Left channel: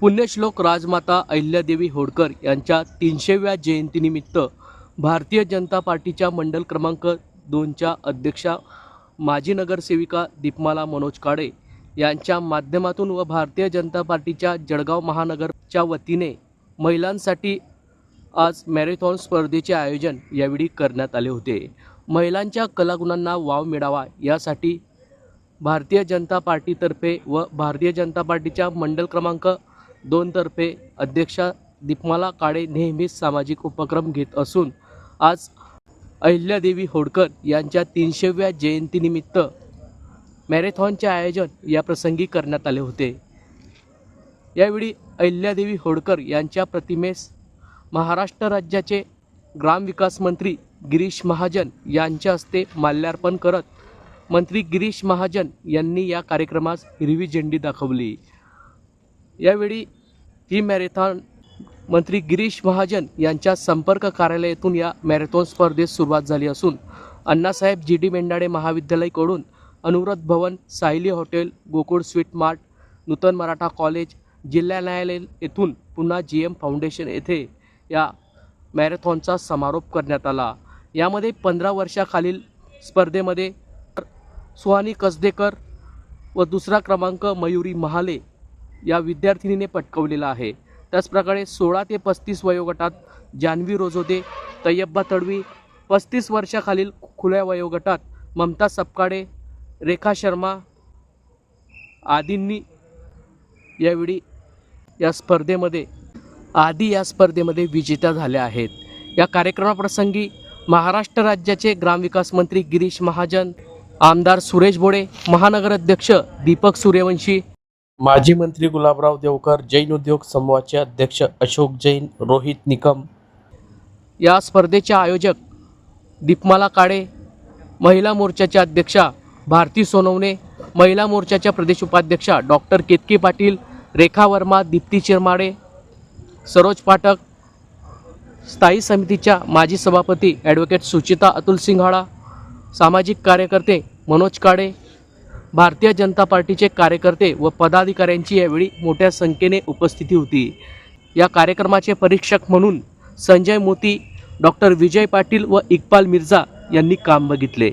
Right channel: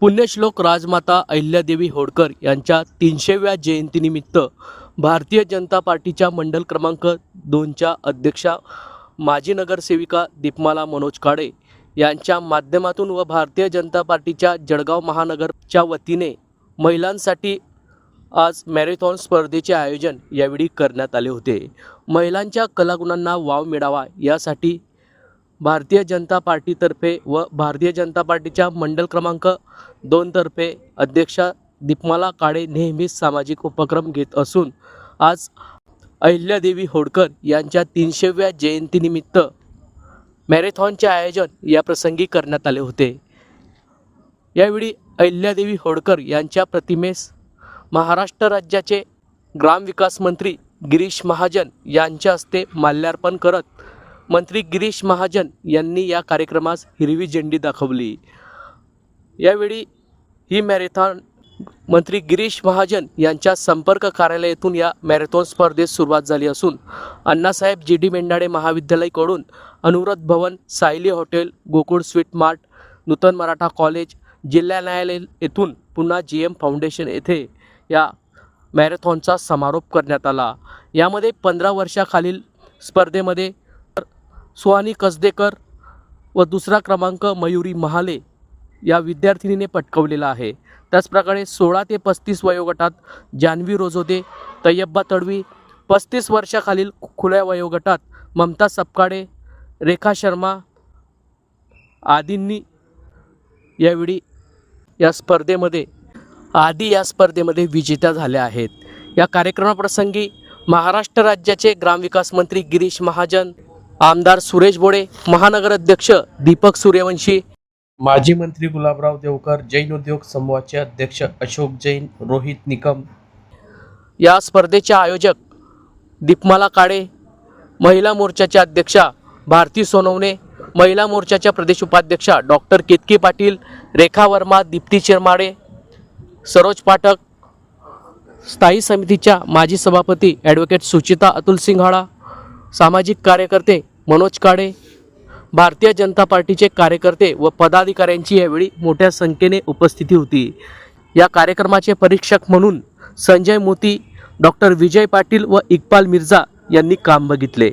पुण्यश्लोक राजमाता अहिल्यादेवी होळकर यांच्या तीनशेव्या जयंतीनिमित्त भारतीय जनता पार्टीच्या मंडल क्रमांक दोनच्या अध्यक्षा माजी नगरसेविका दीपमाला मनोज काळे यांच्या माध्यमातून व भारतीय जनता पार्टीच्या जळगाव महानगरच्या वतीने महिलांसाठी आज मॅरेथॉन स्पर्धेचे आयोजन यावेळी करण्यात आले होते. महिलांच्या कलागुणांना वाव मिळावा यासाठी भारतीय जनता पार्टीतर्फे व भारतीय जनता पार्टीच्या मंडल क्रमांक दोनतर्फे अध्यक्षा दीपमाला काळे नेहमीच सामाजिक उपक्रम घेत असून आज अहिल्यादेवी होडकर यांच्या तीनशेव्या जयंतीनिमित्त मॅरेथॉनचे आयोजन या प्रसंगी करण्यात आले होते. यावेळी अहिल्यादेवी होडकर यांच्या प्रतिमेस महाराष्ट्र राज्याचे ग्रामविकास मंत्री गिरीश महाजन यांच्या हस्ते माल्यार्पण करत मंत्री गिरीश महाजन यांनी या कार्यक्रमास हिरवी झेंडी दाखवली. यावेळी ही मॅरेथॉन मंत्री गिरीश महाजन यांच्या संपर्क कार्यालयातून या मॅरेथॉन स्पर्धेस सुरुवात झाली असून Annasaheb G D Mendhade महाविद्यालयकडून Anuvrat Bhavan Sayali hotel Gokul sweet mart Nutan Maratha college जिल्हा न्यायालय येथून पुन्हा जी एम फाउंडेशन येथे या मॅरेथॉनचा समारोप करण्यात आला. यामध्ये पंधरा वर्षाखालील स्पर्धेमध्ये सुहानी कसदेकर व दुसरा क्रमांक मयुरी महाले या विद्यार्थिनीने पटकवलेला आहे. त्याचप्रकारे सोळा ते पस्तीस वयोगटात जान्हवी रोजोदे तय्यब्बा तडवी पस्तीस वर्षाखालील खुल्या वयोगटात ममता सपकाडे रेखा शर्मा आदींनी यावेळी या स्पर्धेमध्ये आदी या स्पर्धेमध्ये विजेत्या झाल्या आहेत. या कार्यक्रमाप्रसंगी महाराष्ट्र राज्याचे ग्रामविकास मंत्री गिरीश महाजन आमदार सुरेश बोडे महानगराध्यक्ष दीपक सूर्यवंशी माजी मंत्री गुलाबराव देवकर जैन उद्योग समूहाचे अध्यक्ष अशोक जैन रोहित निकम. या स्पर्धेचे आयोजक दीपमाला काळे महिला मोर्चाच्या अध्यक्षा भारती सोनवणे महिला मोर्चाच्या प्रदेश उपाध्यक्षा डॉक्टर केतकी पाटील रेखा वर्मा दीप्ती चिरमाडे सरोज पाठक स्थायी समितीच्या माजी सभापती ॲडव्होकेट सुचिता अतुल सिंघाळा सामाजिक कार्यकर्ते मनोज काळे भारतीय जनता पार्टीचे कार्यकर्ते व पदाधिकाऱ्यांची यावेळी मोठ्या संख्येने उपस्थिती होती. या कार्यक्रमाचे परीक्षक म्हणून संजय मोती डॉक्टर विजय पाटील व इक्बाल मिर्झा यांनी काम बघितले.